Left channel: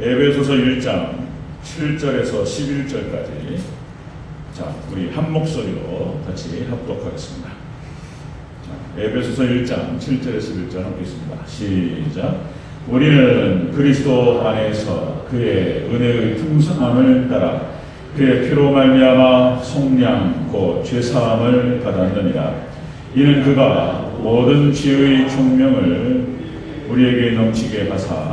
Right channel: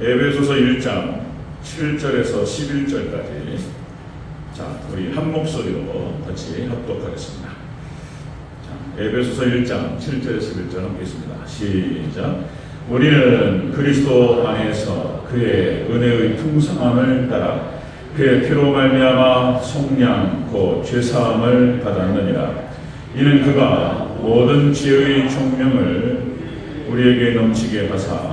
에베소서 1장 7절에서 11절까지 자, 우리 한 목소리로 같이 합독하겠습니다. 자, 에베소서 1장 7절에서 11절 보겠습니다. 시작. 우리는 그리스도 안에서 그의 은혜의 풍성함을 따라 그의 피로 말미암아 속량 곧 죄사함을 받았느니라. 이는 그가 모든 지혜의 총명을 우리에게 넘치게 하사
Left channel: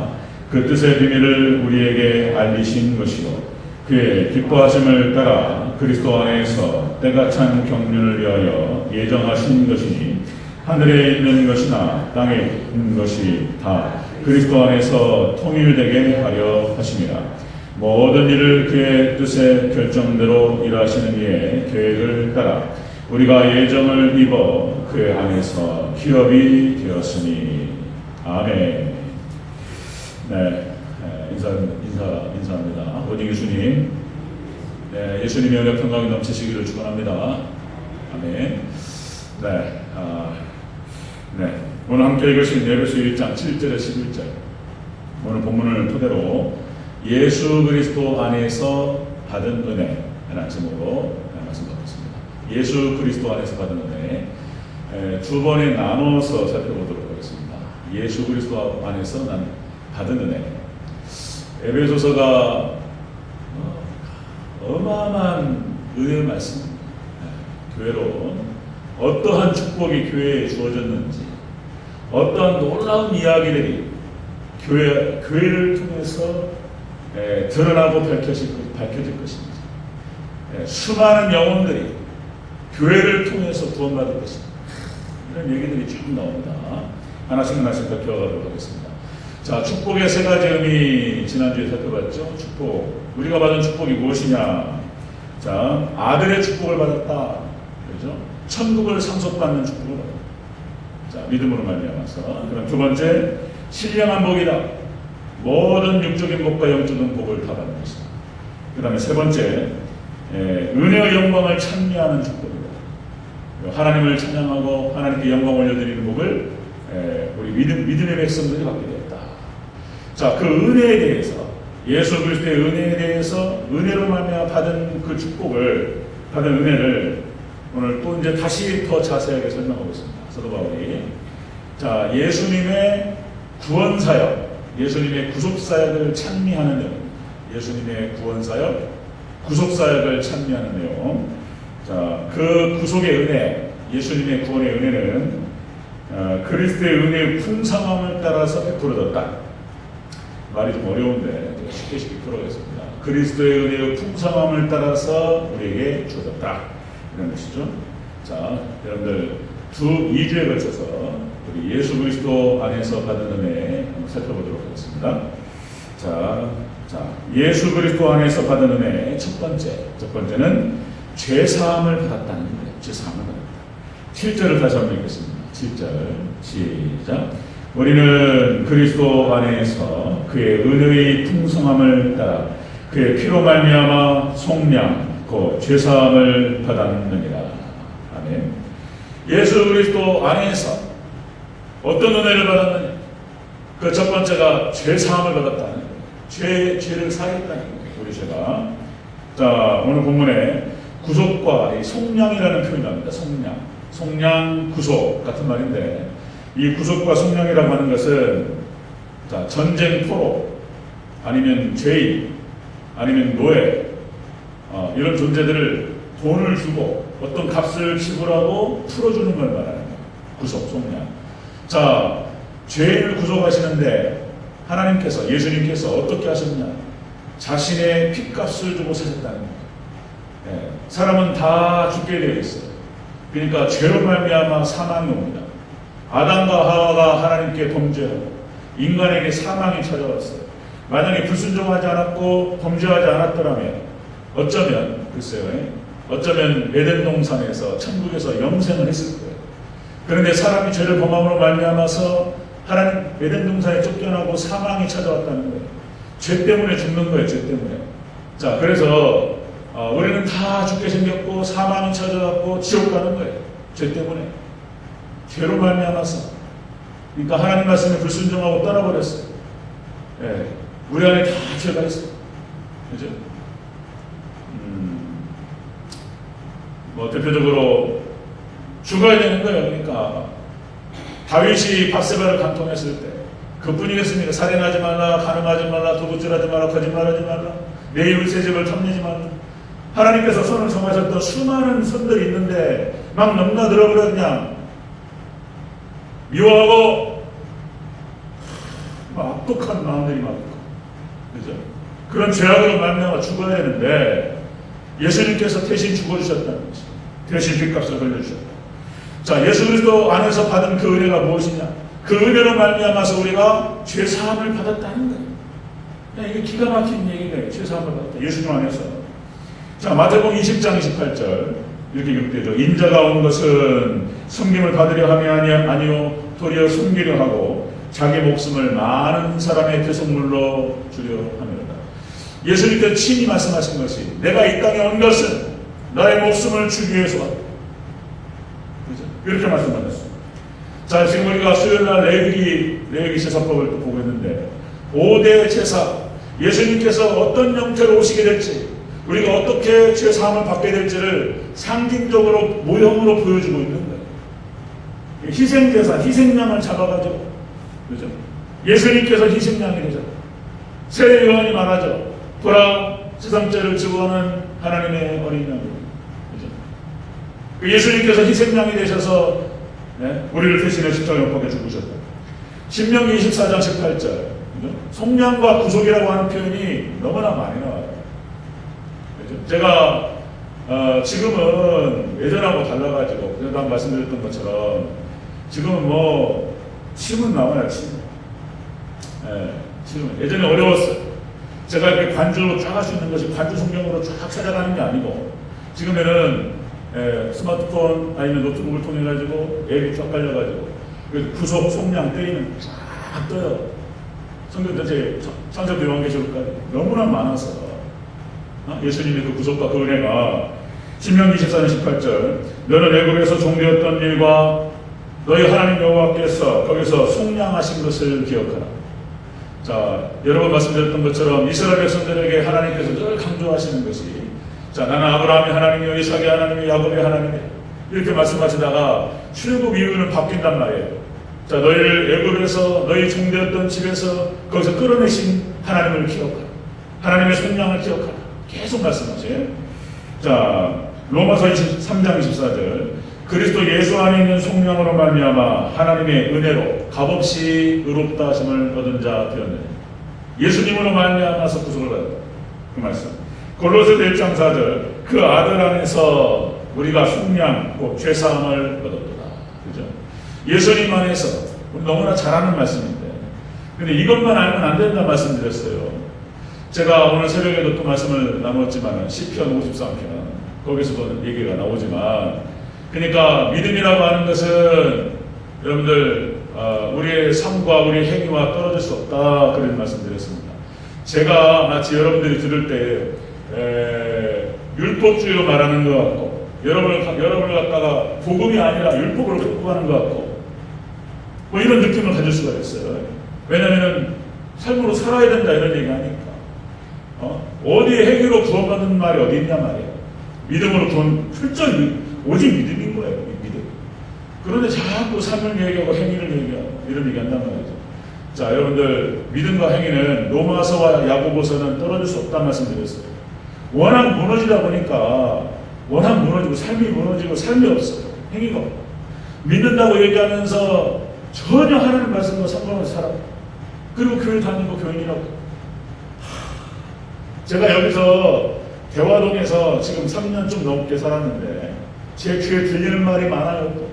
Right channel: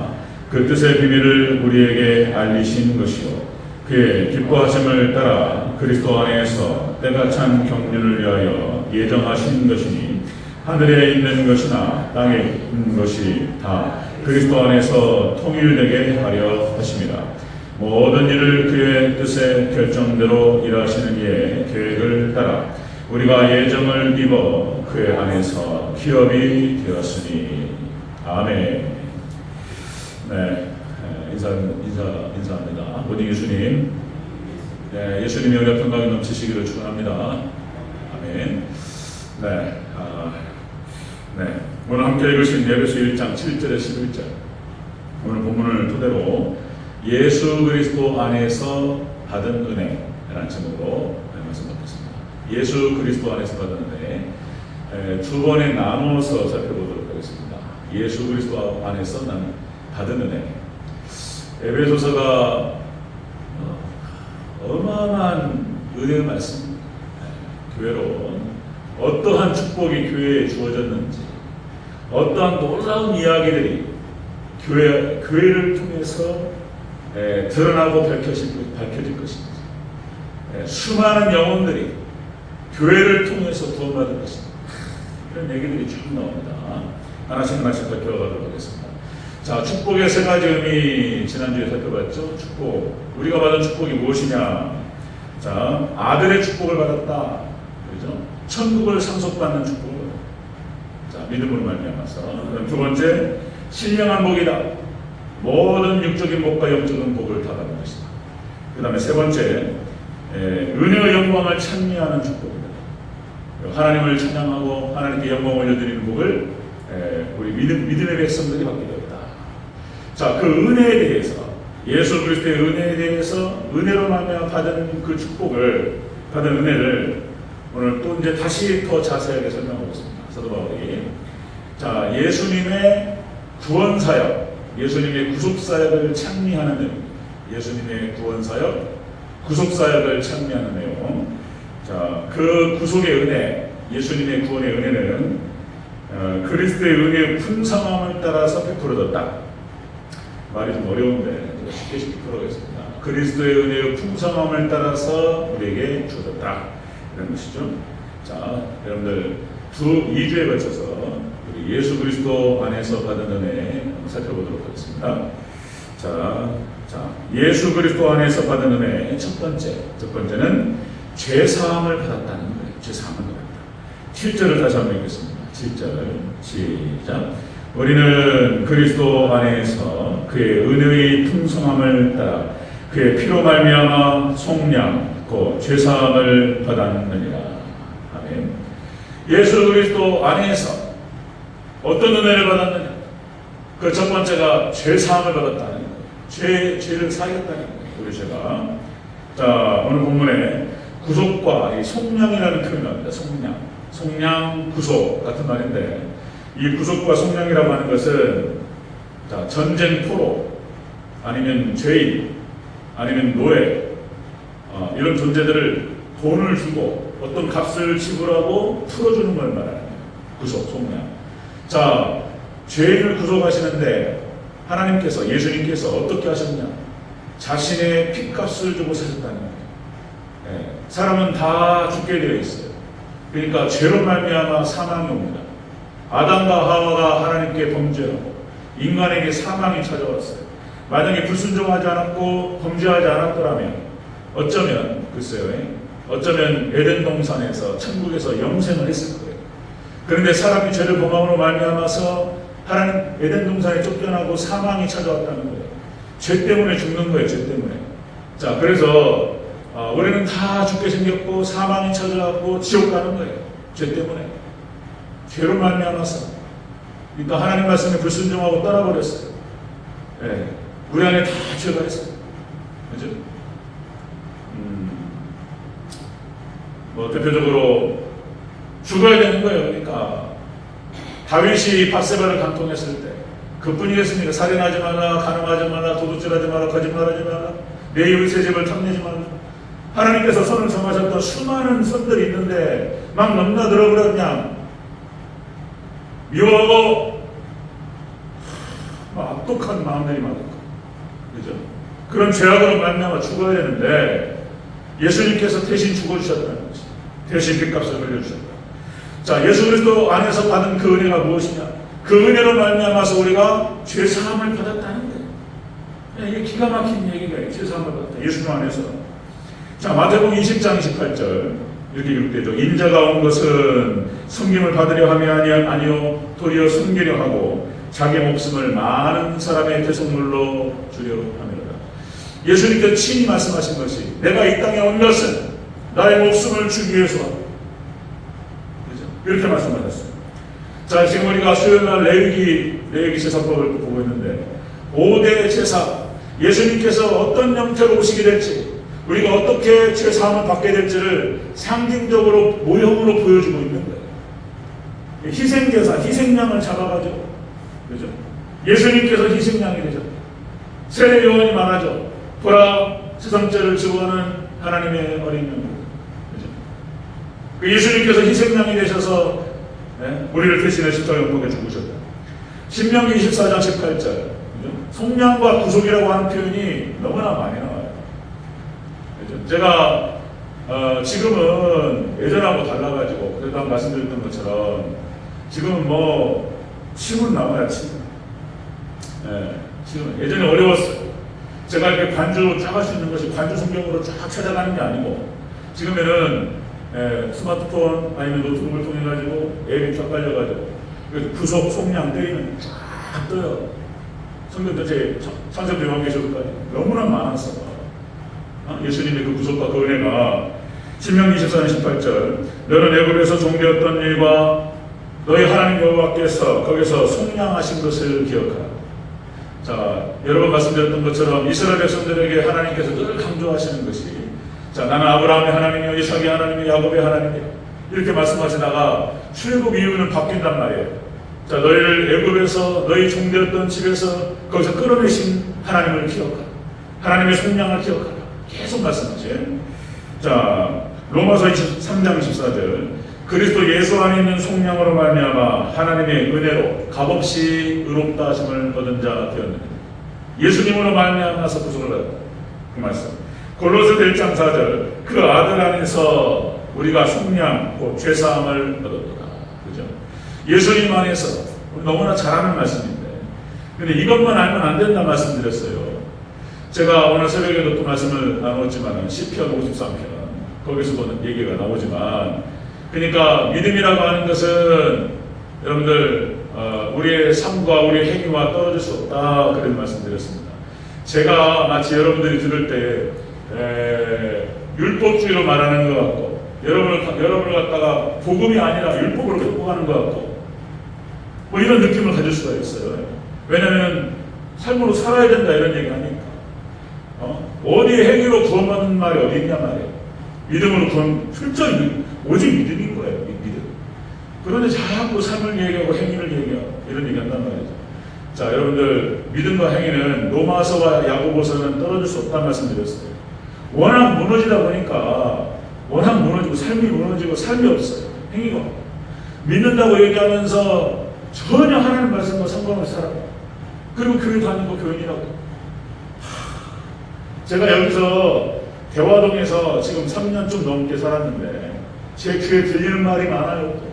그 뜻의 비밀을 우리에게 알리신 것이요 그의 기뻐하심을 따라 그리스도 안에서 때가 찬 경륜을 위하여 예정하신 것이니 하늘에 있는 것이나 땅에 있는 것이 다 그리스도 안에서 통일되게 하려 하심이라. 모든 일을 그의 뜻의 결정대로 일하시는 이의 계획을 따라 우리가 예정을 입어 그의 안에서 기업이 되었으니. 아멘. 네, 인사합니다. 우리 예수님, 네, 예수님의 은혜 평강이 넘치시기를 축원합니다. 아멘. 네, 네, 오늘 함께 읽으신 에베소 1장 7절에 11절 오늘 본문을 토대로 예수 그리스도 안에서 받은 은혜라는 제목으로 말씀드리겠습니다. 예수 그리스도 안에서 받은 은혜 두 번에 나눠서 살펴보도록 하겠습니다. 예수 그리스도 안에서 받은 은혜. 에베소서가 어마어마한 은혜의 말씀입니다. 교회로 어떠한 축복이 교회에 주어졌는지, 어떠한 놀라운 이야기들이 교회를 통해서 드러나고 밝혀질 것인지, 수많은 영혼들이 교회를 통해서 구원받을 것인지, 이런 얘기들이 쭉 나옵니다. 하나씩 살펴보도록 하겠습니다. 자, 축복의 세 가지 의미 지난주에 살펴봤죠. 축복. 우리가 받은 축복이 무엇이냐? 자, 아들의 축복을 받았다. 그렇죠? 천국을 상속받는 축복을 받았다. 자, 믿음으로 말미암아서. 두 번째, 신령한 복이다. 모든 육적인 복과 영적인 복을 다 받는 것이다. 그 다음에 세 번째, 은혜의 영광을 찬미하는 축복입니다. 하나님을 찬양하고 하나님께 영광을 올려드리는 복을 우리 믿음의 백성들이 받게 되었다. 자, 그 은혜에 대해서, 예수 그리스도의 은혜에 대해서 은혜로 말미암아 받은 그 축복을, 받은 은혜를 오늘 또 이제 다시 더 자세하게 설명하겠습니다. 사도 바울이 자, 예수님의 구원 사역, 예수님의 구속 사역을 찬미하는 내용, 예수님의 구원 사역, 구속 사역을 찬미하는 내용. 자, 그 구속의 은혜, 예수님의 구원의 은혜는 그리스도의 은혜의 풍성함을 따라서 베풀어졌다. 말이 좀 어려운데 좀 쉽게 풀어가겠습니다. 그리스도의 은혜의 풍성함을 따라서 우리에게 주어졌다. 이런 것이죠. 자, 여러분들 2주에 걸쳐서 예수 그리스도 안에서 받은 은혜 살펴보도록 하겠습니다. 자, 예수 그리스도 안에서 받은 은혜 첫 번째는 죄사함을 받았다는 거예요. 죄사함을 받았다. 7절을 다시 한번 읽겠습니다. 7절 시작. 우리는 그리스도 안에서 그의 은혜의 풍성함을 따라 그의 피로 말미암아 속량 곧 죄사함을 받았느니라. 아멘. 예수 그리스도 안에서 어떤 은혜를 받았느냐? 그 첫 번째가 죄사함을 받았다는 거예요. 죄를 사했다는 거예요. 우리 죄가. 자, 오늘 본문에 구속과 속량이라는 표현이 나옵니다. 속량, 구속 같은 말인데, 이 구속과 속량이라고 하는 것은 자, 전쟁포로 아니면 죄인 아니면 노예 이런 존재들을 돈을 주고 어떤 값을 지불하고 풀어주는 걸 말하는 거예요. 구속, 속량. 자, 죄인을 구속하시는데 하나님께서, 예수님께서 어떻게 하셨냐? 자신의 피값을 주고 사셨다는 거예요. 사람은 다 죽게 되어 있어요. 그러니까 죄로 말미암아 사망이 옵니다. 아담과 하와가 하나님께 범죄하고 인간에게 사망이 찾아왔어요. 만약에 불순종하지 않았고 범죄하지 않았더라면 어쩌면 에덴 동산에서 천국에서 영생을 했을 거예요. 그런데 사람이 죄를 범함으로 말미암아서 하나님 에덴 동산에 쫓겨나고 사망이 찾아왔다는 거예요. 죄 때문에 죽는 거예요. 죄 때문에. 자, 그래서 우리는 다 죽게 생겼고 사망이 찾아왔고 지옥 가는 거예요. 죄 때문에. 죄로 말미암아서. 그러니까 하나님 말씀에 불순종하고 떠나버렸어요. 네. 우리 안에 다 죄가 있어. 그죠? 대표적으로 죽어야 되는 거예요. 그러니까 다윗이 밧세바를 간통했을 때 그뿐이겠습니까? 살인하지 말라, 간음하지 말라, 도둑질하지 말라, 거짓말하지 말라, 내 입을 새 집을 탐내지 말라. 하나님께서 선을 정하셨던 수많은 선들이 있는데 막 넘나들어 그냥 미워하고 막 악독한 마음들이 많고, 그죠? 그런 죄악으로 말미암아 죽어야 되는데 예수님께서 대신 죽어주셨다는 것이, 대신 빚값을 흘려주셨다. 자, 예수 그리스도 안에서 받은 그 은혜가 무엇이냐? 그 은혜로 말미암아서 우리가 죄 사함을 받았다는 거예요. 이게 기가 막힌 얘기네요. 죄 사함을 받았다. 예수님 안에서. 자, 마태복음 20장 28절 이렇게 기록되죠. 인자가 온 것은 섬김을 받으려 함이 아니요 도리어 섬기려 하고 자기 목숨을 많은 사람의 대속물로 주려 합니다. 예수님께서 친히 말씀하신 것이, 내가 이 땅에 온 것은 나의 목숨을 주기 위해서 이렇게 말씀하셨어요. 자, 지금 우리가 수요일날 레위기 제사법을 보고 있는데 5대 제사, 예수님께서 어떤 형태로 오시게 될지, 우리가 어떻게 죄 사함을 받게 될지를 상징적으로 모형으로 보여주고 있는 거예요. 희생제사, 희생양을 잡아가지고, 그죠? 예수님께서 희생양이 되죠. 세례 요한이 말하죠. 보라, 세상 죄를 지고하는 하나님의 어린 양. 그 예수님께서 희생양이 되셔서 우리를 대신해 십자가에 못 박혀 죽으셨다. 신명기 24장 18절 속량과 구속이라고 하는 표현이 너무나 많이 나와요. 제가 지금은 예전하고 달라가지고 그래도 말씀드렸던 것처럼 지금 뭐 침은 나와요. 침. 지금 예전에 어려웠어요. 제가 이렇게 관주 쫙 할 수 있는 것이 관주 성경으로 쫙 찾아가는 게 아니고 지금에는 스마트폰 아니면 노트북을 통해 가지고 앱이 쫙 깔려가지고 구속 속량 때리면 쫙 떠요. 성경 전체 창세기 요한계시록까지 너무나 많았어. 예수님의 그 구속과 그 은혜가 신명기 24장 18절 너는 애굽에서 종되었던 일과 너희 하나님 여호와께서 거기서 속량하신 것을 기억하라. 자, 여러 번 말씀드렸던 것처럼 이스라엘 백성들에게 하나님께서 늘 강조하시는 것이, 자, 나는 아브라함의 하나님이요 이삭의 하나님이요 야곱의 하나님이요 이렇게 말씀하시다가 출애굽 이후는 바뀐단 말이에요. 자, 너희를 애굽에서 너희 종되었던 집에서 거기서 끌어내신 하나님을 기억하라. 하나님의 속량을 기억하라. 계속 말씀하세요. 자, 로마서 23장 14절 그리스도 예수 안에 있는 속량으로 말미암아 하나님의 은혜로 값없이 의롭다 하심을 얻은 자 되었느니라. 예수님으로 말미암아서 구속을 받았다. 그 말씀. 골로새 1장 4절 그 아들 안에서 우리가 속량 곧 죄사함을 얻었다. 그죠? 예수님 안에서 우리 너무나 잘하는 말씀인데, 근데 이것만 알면 안 된다 말씀드렸어요. 제가 오늘 새벽에도 또 말씀을 나누었지만 시편 53편 거기서도 얘기가 나오지만, 그러니까 믿음이라고 하는 것은 여러분들 우리의 삶과 우리의 행위와 떨어질 수 없다 그런 말씀드렸습니다. 제가 마치 여러분들이 들을 때 율법주의로 말하는 것 같고 여러분을 갖다가 복음이 아니라 율법을 갖고 가는 것 같고 뭐 이런 느낌을 가질 수가 있어요. 왜냐하면 삶으로 살아야 된다 이런 얘기 하니까 어디에 행위로 구원받는 말이 어디 있단 말이에요. 믿음으로 구원, 철저히 오직 믿음인 거예요. 믿음. 그런데 자꾸 삶을 얘기하고 행위를 얘기하고 이런 얘기 한단 말이죠. 자, 여러분들 믿음과 행위는 로마서와 야고보서는 떨어질 수 없다는 말씀드렸어요. 워낙 무너지다 보니까 워낙 무너지고 삶이 무너지고 삶이 없어요. 행위가 없고 믿는다고 얘기하면서 전혀 하나님 말씀과 상관없이 살아요. 그리고 교회 다니는 거 교인이라고. 제가 여기서 대화동에서 지금 3년 좀 넘게 살았는데 제 귀에 들리는 말이 많아요.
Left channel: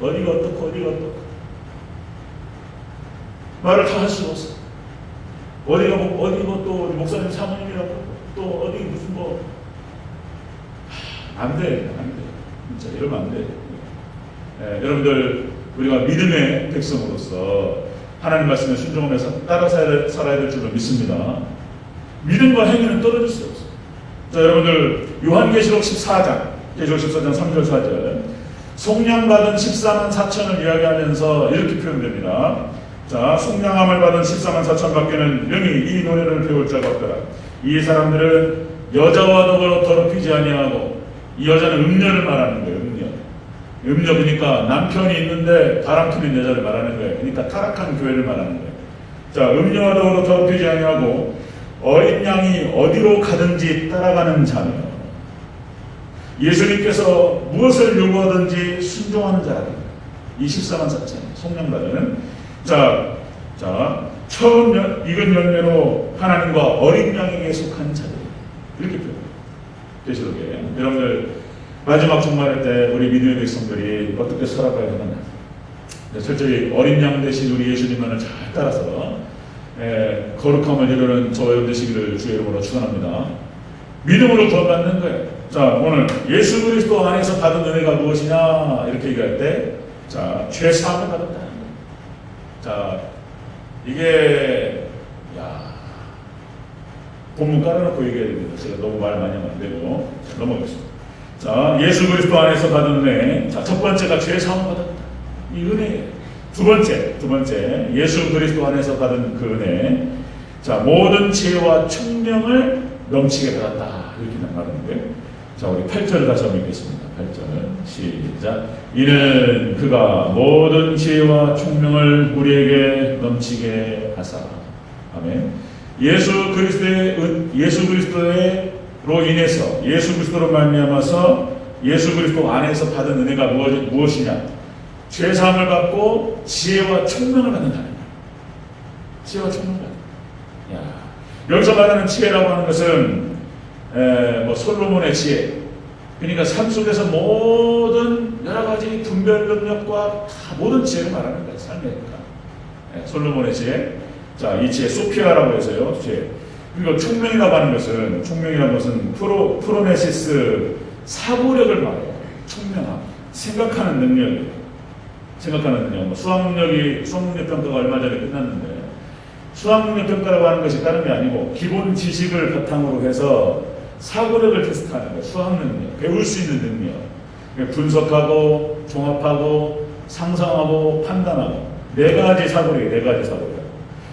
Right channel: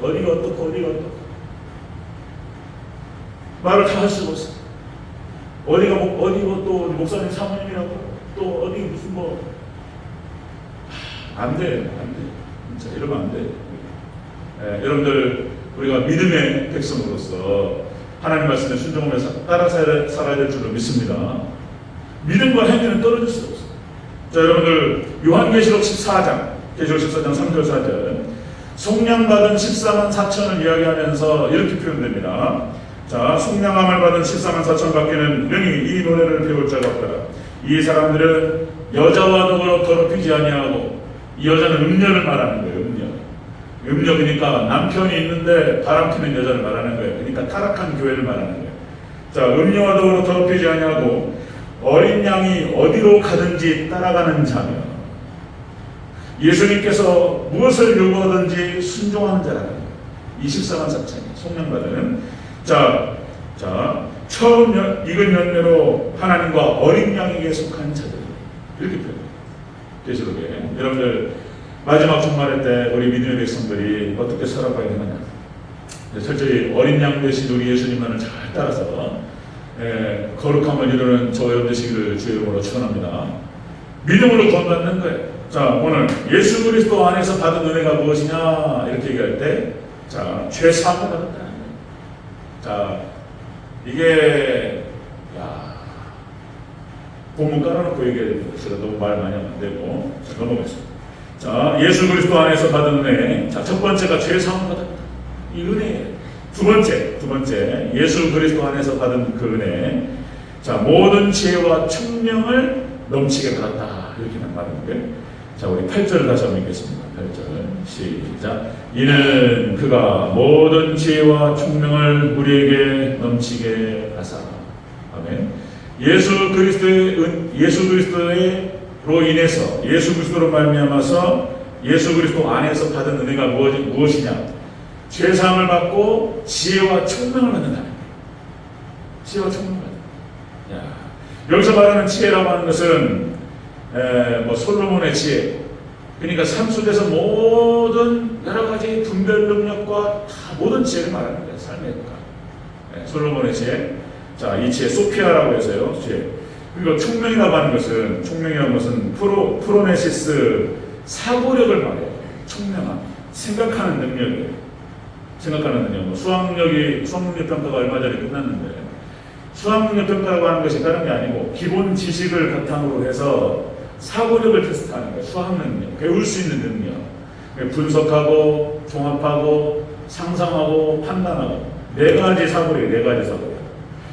어디가 어떻고 어디가 어떻고 말을 다 할 수가 없어요. 어디가 또 목사님 사모님이라고 또 어디 무슨 안 돼요. 진짜 이러면 안 돼요. 여러분들 우리가 믿음의 백성으로서 하나님 말씀에 순종하면서 따라 살아야 될 줄로 믿습니다. 믿음과 행위는 떨어질 수 없어요. 자, 여러분들 요한계시록 14장 3절 4절 속량받은 14만 4천을 이야기하면서 이렇게 표현됩니다. 자, 속량함을 받은 14만 4천 밖에는 능히 이 노래를 배울 자가 없더라. 이 사람들은 여자와 더불어 더럽히지 아니하고, 이 여자는 음녀를 말하는 거예요. 음녀 그러니까 남편이 있는데 바람피는 여자를 말하는 거예요. 그러니까 타락한 교회를 말하는 거예요. 자, 음녀와 더불어 더럽히지 아니하고 어린 양이 어디로 가든지 따라가는 자며, 예수님께서 무엇을 요구하든지 순종하는 자라는 거예요. 24만 4천 속량받은 자 처음 익은 열매로 하나님과 어린 양에게 속한 자들, 이렇게 표현해요. 계시록에 여러분들 마지막 종말의 때 우리 믿음의 백성들이 어떻게 살아가야 되느냐, 철저히 어린 양 되신 우리 예수님만을 잘 따라서 거룩함을 이루는 저희들 되시기를 주의 이름으로 축원합니다. 믿음으로 구원받는 거예요. 자, 오늘 예수 그리스도 안에서 받은 은혜가 무엇이냐 이렇게 얘기할 때, 자, 죄 사함을 받았다. 자, 이게 본문 깔아놓고 얘기해야 됩니다. 제가 너무 말 많이 하면 안 되고 넘어가겠습니다. 자, 예수 그리스도 안에서 받은 은혜. 자, 첫 번째가 죄 사함을 받았다. 이 은혜예요. 두 번째 예수 그리스도 안에서 받은 그 은혜. 자, 모든 지혜와 총명을 넘치게 받았다. 이렇게 말하는 거예요. 자, 우리 8절 다시 한번 읽겠습니다. 8절 시작. 이는 그가 모든 지혜와 총명을 우리에게 넘치게 하사. 아멘. 예수 그리스도로 인해서, 예수 그리스도로 말미암아서 예수 그리스도 안에서 받은 은혜가 무엇이냐? 죄 사함을 받고 지혜와 총명을 받는다는 거예요. 지혜와 총명을 받는다. 여기서 말하는 지혜라고 하는 것은 솔로몬의 지혜, 그러니까 삶 속에서 모든 여러 가지 분별 능력과 모든 지혜를 말하는 거예요. 삶이니까. 솔로몬의 지혜. 자, 이 지혜 소피아라고 해서요. 지혜. 그리고 총명이라고 하는 것은 프로네시스, 사고력을 말해요. 총명함, 생각하는 능력이에요. 수학능력 평가가 얼마 전에 끝났는데, 수학능력 평가라고 하는 것이 다른 게 아니고 기본 지식을 바탕으로 해서 사고력을 테스트하는 거예요. 수학능력, 배울 수 있는 능력, 분석하고 종합하고 상상하고 판단하고 네 가지 사고력.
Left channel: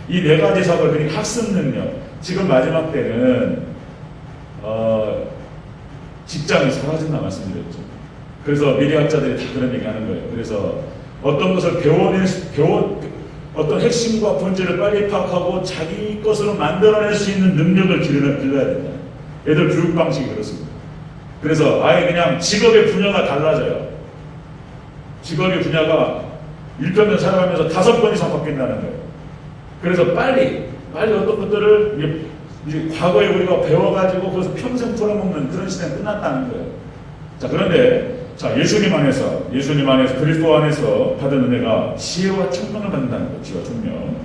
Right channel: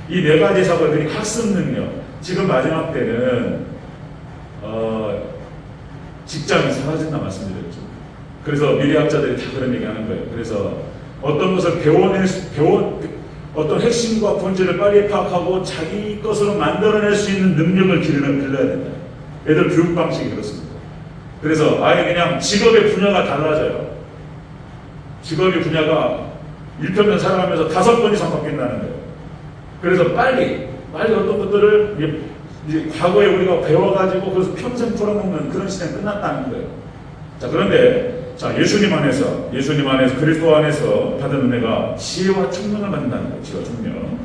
이 네 가지 사고력, 그러니까 학습 능력. 지금 마지막 때는 직장이 사라진다 말씀드렸죠. 그래서 미래학자들이 다 그런 얘기 하는 거예요. 그래서 어떤 것을 어떤 핵심과 본질을 빨리 파악하고 자기 것으로 만들어낼 수 있는 능력을 길러야 된다. 애들 교육 방식이 그렇습니다. 그래서 아예 그냥 직업의 분야가 달라져요. 직업의 분야가 1편을 살아가면서 5번 이상 바뀐다는 거예요. 그래서 빨리 어떤 것들을 이제 과거에 우리가 배워가지고 그래서 평생 풀어먹는 그런 시대는 끝났다는 거예요. 자, 그런데 예수님 안에서 그리스도 안에서 받은 은혜가 지혜와 총명을 받는다는 거예요. 지혜와 총명.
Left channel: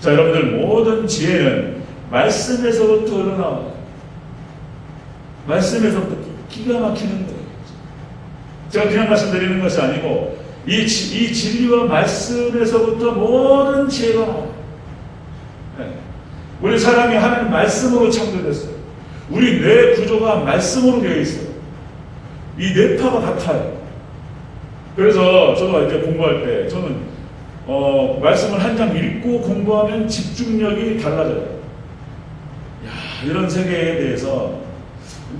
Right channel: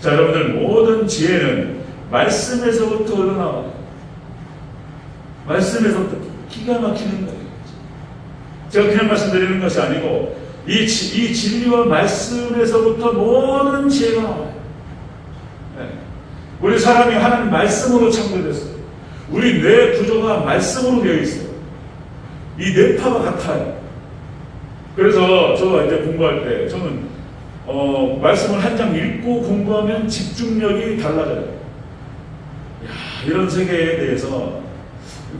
자, 여러분들 모든 지혜는 말씀에서부터 흘러나와요. 말씀에서부터 기가 막히는 거예요. 제가 그냥 말씀드리는 것이 아니고 이 진리와 말씀에서부터 모든 지혜가 나와요. 우리 사람이 하나님 말씀으로 창조됐어요. 우리 뇌 구조가 말씀으로 되어 있어요. 이 뇌파가 같아요. 그래서 제가 이제 공부할 때 저는 말씀을 한 장 읽고 공부하면 집중력이 달라져요. 이런 세계에 대해서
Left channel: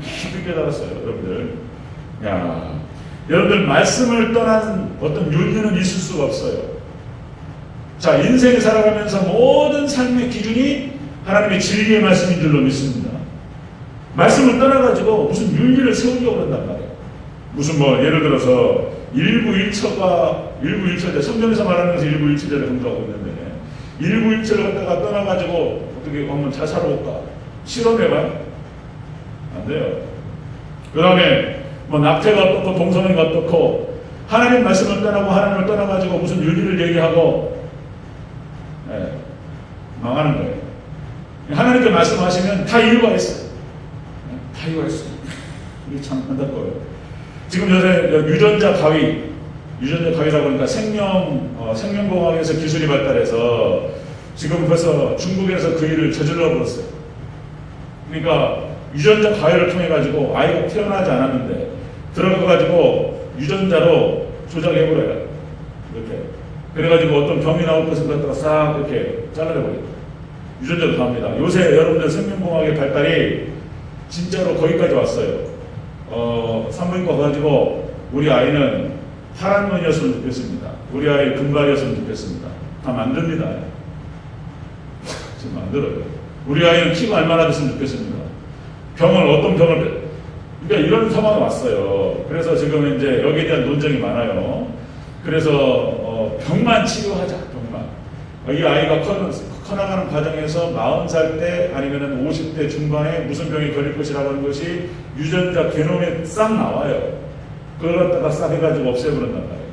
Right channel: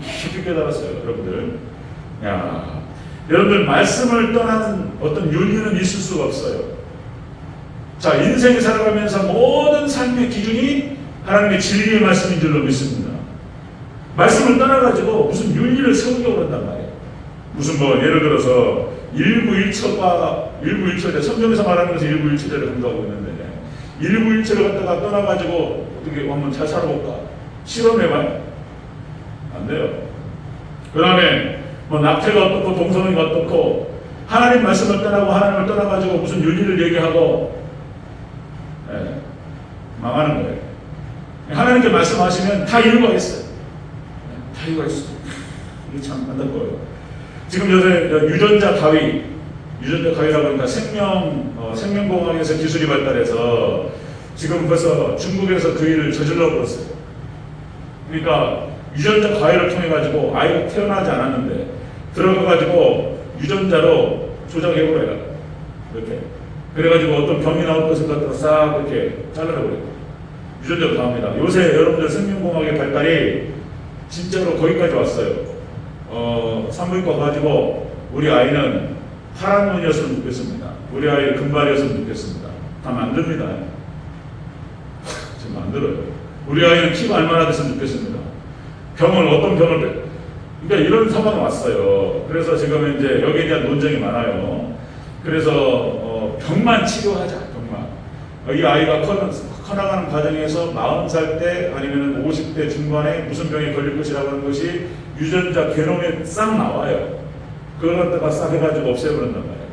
깊이 깨달았어요, 여러분들. 여러분들 말씀을 떠나는 어떤 윤리는 있을 수가 없어요. 자, 인생을 살아가면서 모든 삶의 기준이 하나님의 진리의 말씀인 줄로 믿습니다. 말씀을 따라가지고 무슨 윤리를 세우려고 한단 말이에요. 무슨 예를 들어서 일부일처가 성경에서 말하는 것이 일부일처를 공부하고 있는데 일부일처를 갖다가 떠나가지고 어떻게 한번 잘 살아볼까? 실험해봐요. 안 돼요. 그 다음에 낙태가 어떻고 동성애가 어떻고 하나님 말씀을 떠나고 하나님을 떠나가지고 무슨 윤리를 얘기하고 망하는 거예요. 하나님께 말씀하시면 다 이유가 있어요. 다 이유가 있어요. 이게 참 안타까워요. 지금 요새 유전자 가위라고 하니까 생명공학에서 기술이 발달해서 지금 벌써 중국에서 그 일을 저질러 버렸어요. 그러니까 유전자 가위를 통해 가지고 아이가 태어나지 않았는데 들어가 가지고 유전자로 조작해 버려요. 이렇게 그래가지고 어떤 병이 나올 것을 갖다가 싹 이렇게 잘라버려요. 유전자로 나옵니다. 요새 여러분들 생명공학의 발달이 진짜로 거기까지 왔어요. 산부인과 가지고 우리 아이는 파란 눈이었으면 좋겠습니다. 우리 아이 금발이었으면 좋겠습니다. 다 만듭니다. 지금 만들어요. 우리 아이는 키가 얼마나 됐으면 좋겠습니다. 병을 어떤 병을 그러니까 이런 상황이 왔어요. 그래서 지금 이제 여기에 대한 논쟁이 많아요. 그래서 병만 치료하자. 병만. 이 아이가 커나가는 과정에서 40살 때 아니면 50대 중반에 무슨 병에 걸릴 것이라고 하는 것이 유전자 게놈에 싹 나와요. 그걸 갖다가 싹 해가지고 없애버린단 말이에요.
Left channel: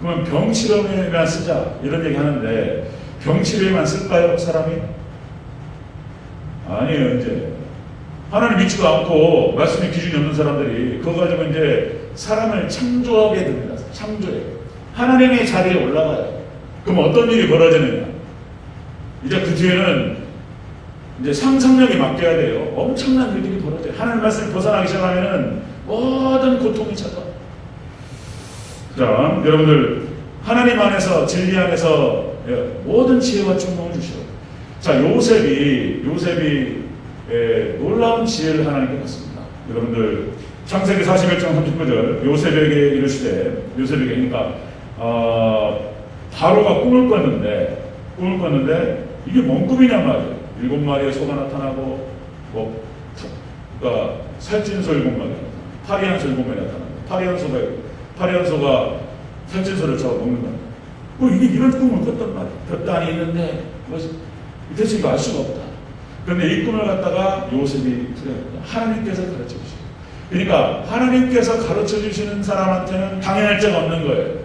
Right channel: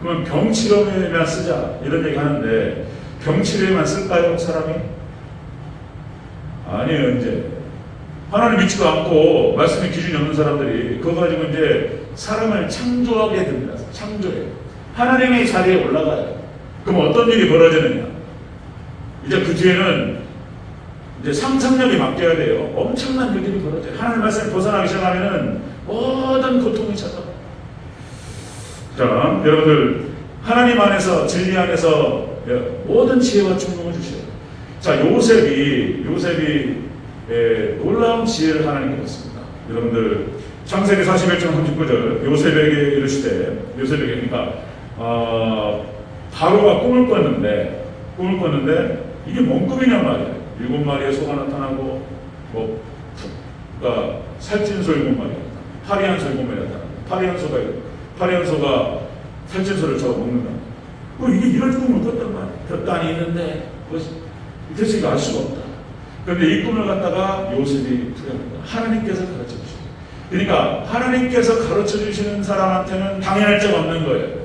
그러면 병 치료에만 쓰자 이런 얘기 하는데 병 치료에만 쓸까요 사람이? 아니에요. 이제 하나님 믿지도 않고 말씀의 기준이 없는 사람들이 그거 가지고 이제 사람을 창조하게 됩니다. 창조해. 하나님의 자리에 올라가요. 그럼 어떤 일이 벌어지느냐? 이제 그 뒤에는 이제 상상력에 맡겨야 돼요. 엄청난 일들이 벌어져요. 하나님 말씀을 벗어나기 시작하면은 모든 고통이 찾아와요. 자, 여러분들 하나님 안에서 진리 안에서 모든 지혜가 충동을 주셔요. 자, 요셉이 놀라운 지혜를 하나님께 줬습니다. 여러분들 창세기 41장 39절 요셉에게 이르시되 요셉에게 그러니까 바로가 꿈을 꿨는데 이게 뭔 꿈이냐 말이에요. 7마리의 소가 나타나고 그러니까 살찐 소 7마리, 파리한 소 7마리 나타나고 파리한 소가 살찐 소를 잡아 먹는 거예요. 이게 이런 꿈을 꿨단 말이에요. 볕단이 있는데 대체 알 수가 없다. 그런데 이 꿈을 갖다가 요셉이 두려웠다. 하나님께서 가르쳐 주시고 그러니까 하나님께서 가르쳐 주시는 사람한테는 당연할 적 없는 거예요.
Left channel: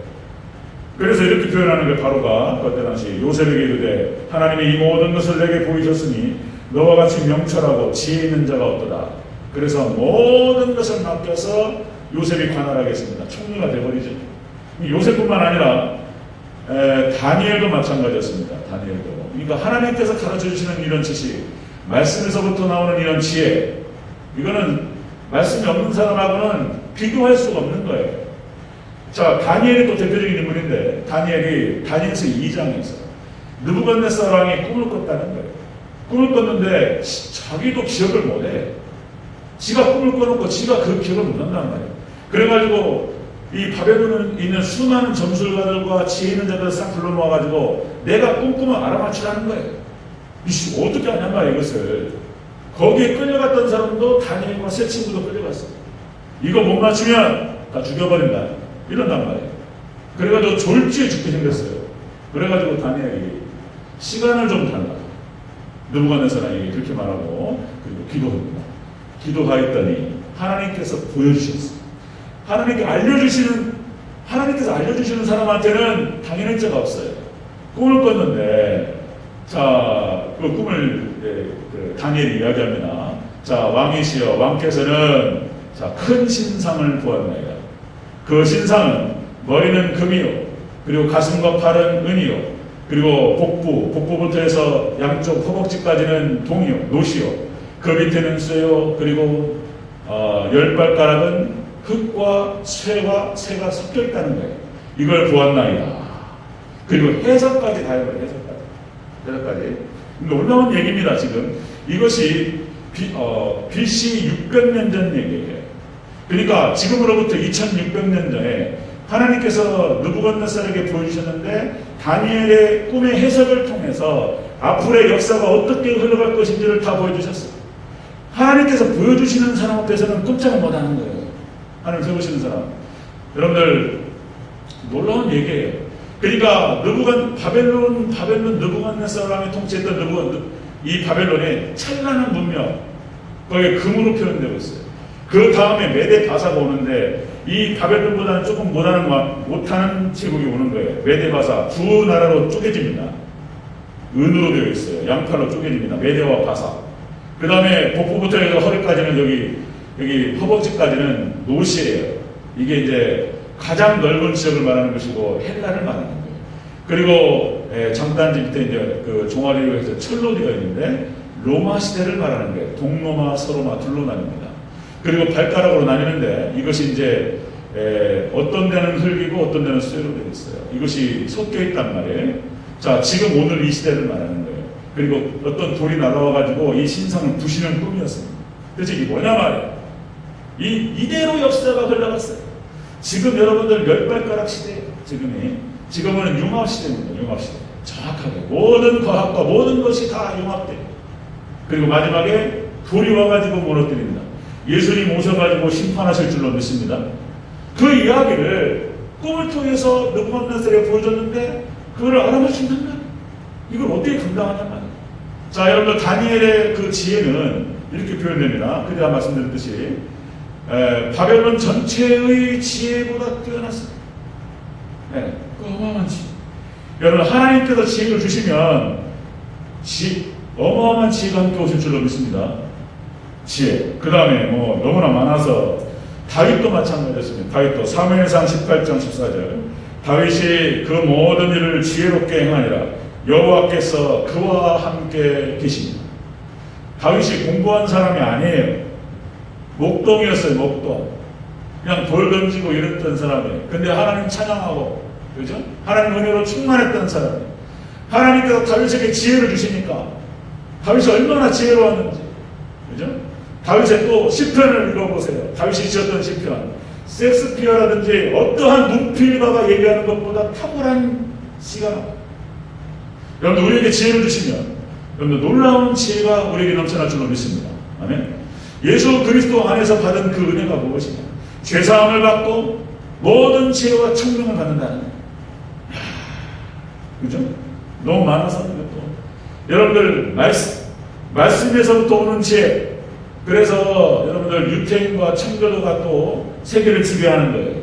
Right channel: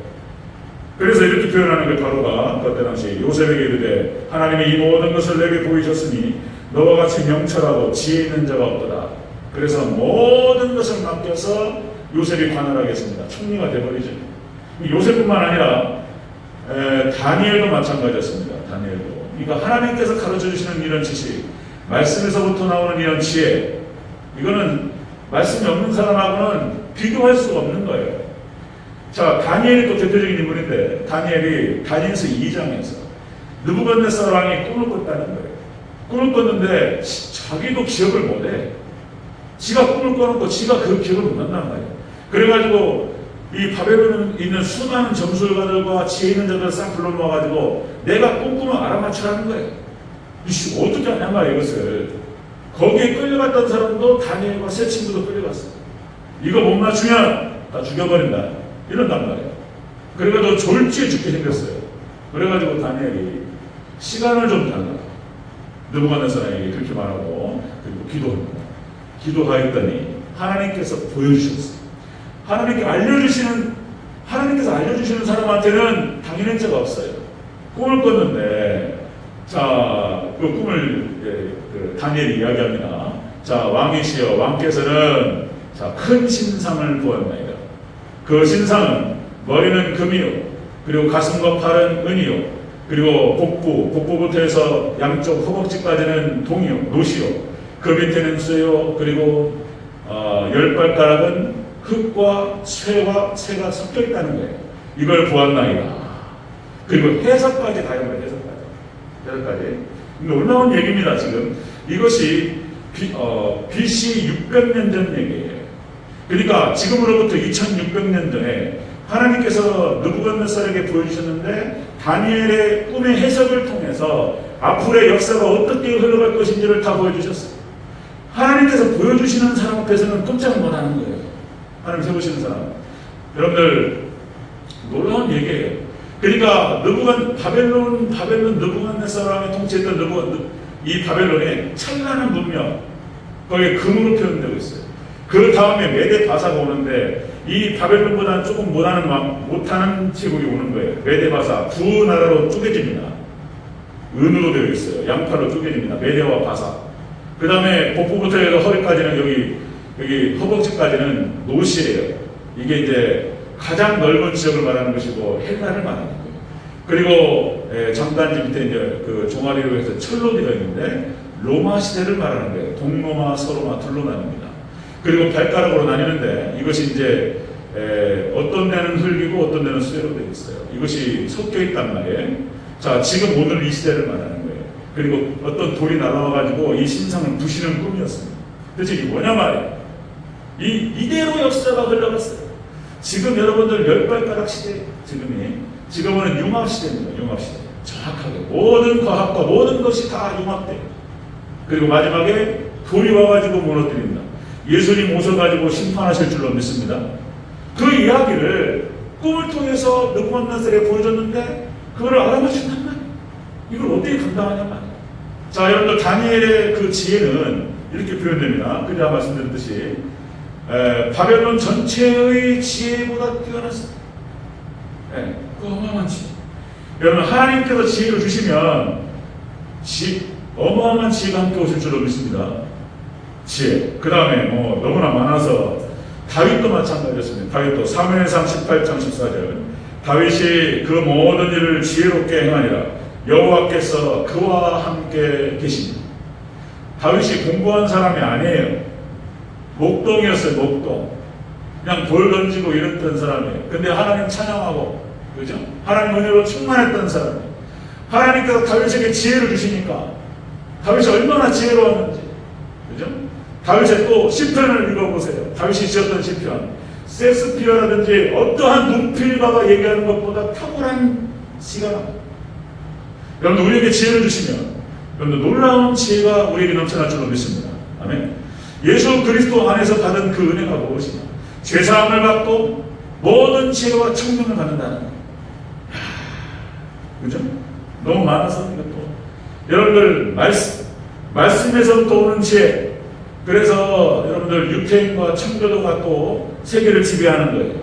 그래서 이렇게 표현하는 게 바로가 그때 당시 요셉에게 이르되 하나님이 이 모든 것을 내게 보이셨으니 너와 같이 명철하고 지혜 있는 자가 없더라. 그래서 모든 것을 맡겨서 요셉이 관할하겠습니다. 총리가 되어버리죠. 요셉뿐만 아니라 다니엘도 마찬가지였습니다. 다니엘도. 그러니까 하나님께서 가르쳐 주시는 이런 지식, 말씀에서부터 나오는 이런 지혜, 이거는 말씀이 없는 사람하고는 비교할 수가 없는 거예요. 자, 다니엘이 또 대표적인 인물인데 다니엘이 다니엘서 2장에서 느부갓네살 왕이 꿈을 꿨다는 거예요. 꿈을 꿨는데 자기도 기억을 못해. 지가 꿈을 꿔놓고 지가 그 기억을 못한단 말이에요. 그래가지고 이 바벨론에 있는 수많은 점술가들과 지혜 있는 자들을 싹 불러놓아가지고 내가 꿈꾸면 알아맞추라는 거예요. 이씨 어떻게 하냔 말이에요. 이것을 거기에 끌려갔던 사람도 다니엘과 세 친구도 끌려갔어요. 이거 못 맞추면 다 죽여버린다 이런단 말이에요. 그래가지고 졸지에 죽게 생겼어요. 그래가지고 다니엘이 시간을 좀 달라 느부갓네살에게 그렇게 말하고 그리고 기도하였더니 하나님께서 보여주셨어요. 하나님께서 알려주시는 사람한테는 당연한 자가 없어요. 꿈을 꿨는데 자, 그 꿈을 다니엘이 이야기합니다. 자, 왕이시여 왕께서는 자, 큰 신상을 보았나이다. 그 신상은 머리는 금이요 그리고 가슴과 팔은 은이요 그리고 복부부터 해서 양쪽 허벅지까지는 동이요 노시요 그 밑에는 쇠요 그리고 10발가락은 흙과 쇠와 새가 섞여 있다는 거예요. 이걸 보았나이다. 그리고 해석까지 다 해버려요. 해석까지. 놀라운 얘기입니다. 지금 이것이 BC 600년 전 얘기예요. 그러니까 지금으로부터 2600년 전에 하나님께서 느부갓네살에게 보여주셨는데 다니엘의 꿈의 해석을 통해서 앞으로의 역사가 어떻게 흘러갈 것인지를 다 보여주셨어요. 하나님께서 보여주시는 사람 앞에서는 꼼짝 못하는 거예요. 하나님 세우시는 사람. 여러분들 놀라운 얘기예요. 그러니까 바벨론 느부갓네살 왕이 통치했던 이 바벨론의 찬란한 문명 거기에 금으로 표현되고 있어요. 그 다음에 메데 바사가 오는데 이 바벨론보다는 조금 못하는 제국이 오는 거예요. 메데 바사 두 나라로 쪼개집니다. 은으로 되어 있어요. 양파로 쪼개집니다. 메데와 바사. 그 다음에 복부부터 해서 허리까지는 여기 허벅지까지는 노시예요. 이게 이제 가장 넓은 지역을 말하는 것이고 헬라를 말하는 거예요. 그리고 정단지 밑에 이제 그 종아리로 해서 철로 되어 있는데 로마 시대를 말하는 거예요. 동로마, 서로마 둘로 나뉩니다. 그리고 발가락으로 나뉘는데 이것이 이제 어떤 데는 흙이고 어떤 데는 쇠로 되어 있어요. 이것이 섞여 있단 말이에요. 자, 지금 오늘 이 시대를 말하는 거예요. 그리고 어떤 돌이 날아와가지고 이 신상을 부시는 꿈이었습니다. 대체 이게 뭐냐 말이에요. 이대로 역사가 흘러갔어요. 지금 여러분들 열발가락 시대, 지금은 융합 시대입니다. 융합 시대. 정확하게 모든 과학과 모든 것이 다 융합돼요. 그리고 마지막에 돌이 와가지고 무너뜨립니다. 예수님 오셔가지고 심판하실 줄로 믿습니다. 그 이야기를 꿈을 통해서 느부갓네살에게 보여줬는데 그걸 알아보신단 말이에요. 이걸 어떻게 감당하냐 말이에요. 자, 여러분들 다니엘의 그 지혜는 이렇게 표현됩니다. 그냥 말씀드렸듯이 바벨론 전체의 지혜보다 뛰어났습니다. 어마어마한 지혜. 여러분 하나님께서 지혜를 주시면 어마어마한 지혜가 함께 오실 줄로 믿습니다. 지혜. 그 다음에 너무나 많아서 다윗도 마찬가지였습니다. 다윗도 사무엘상 18장 14절 다윗이 그 모든 일을 지혜롭게 행하니라 여호와께서 그와 함께 계십니다. 다윗이 공부한 사람이 아니에요. 목동이었어요. 목동. 그냥 돌 던지고 이랬던 사람이에요. 근데 하나님 찬양하고, 그죠? 하나님 은혜로 충만했던 사람이에요. 하나님께서 다윗에게 지혜를 주시니까 다윗이 얼마나 지혜로웠는지, 그죠? 다윗의 또 시편을 읽어보세요. 다윗이 지었던 시편. 셰익스피어라든지 어떠한 눈필바가 얘기하는 것보다 탁월한 시가. 여러분 우리에게 지혜를 주시면 여러분 놀라운 지혜가 우리에게 넘쳐날 줄로 믿습니다. 아멘. 예수 그리스도 안에서 받은 그 은혜가 무엇이냐? 죄사함을 받고 모든 지혜와 청명을 받는다는 거예요. 그죠? 너무 많아서 또 여러분들 말씀에서부터 오는 지혜. 그래서 여러분들 유태인과 청교도가 또 세계를 지배하는 거예요.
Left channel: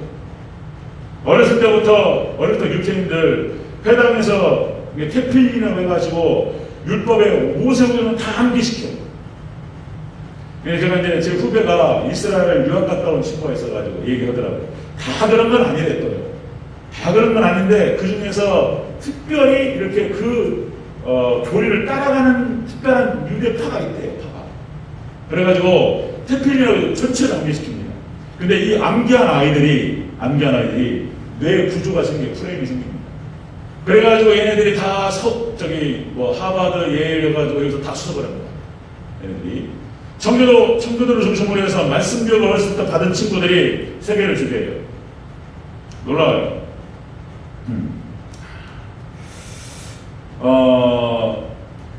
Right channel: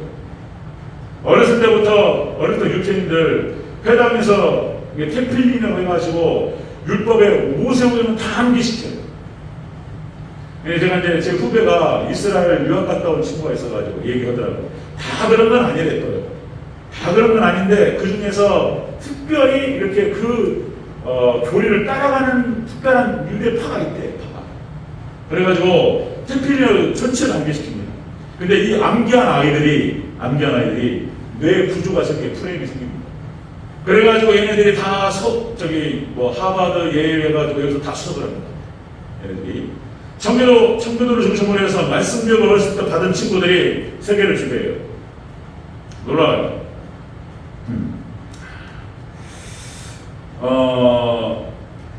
어렸을 때부터 유태인들 회당에서 테필이라고 해가지고 율법에 모세오경은 다 암기시켜요. 제가 이제 제 후배가 이스라엘 유학 갔다 온 친구가 있어가지고 얘기하더라고요. 다 그런 건 아니랬고요. 다 그런 건 아닌데 그 중에서 특별히 이렇게 교리를 따라가는 특별한 유대파가 있대요. 그래가지고 테필리를 전체를 암기시킵니다. 근데 이 암기한 아이들이 뇌 구조가 생겨 프레임이 생깁니다. 그래가지고 얘네들이 다 하버드 예일 해가지고 여기서 다 수업을 합니다. 얘네들이 청교도를 중심으로 해서 말씀교육을 어렸을 때 받은 친구들이 세계를 지배해요. 놀라워요.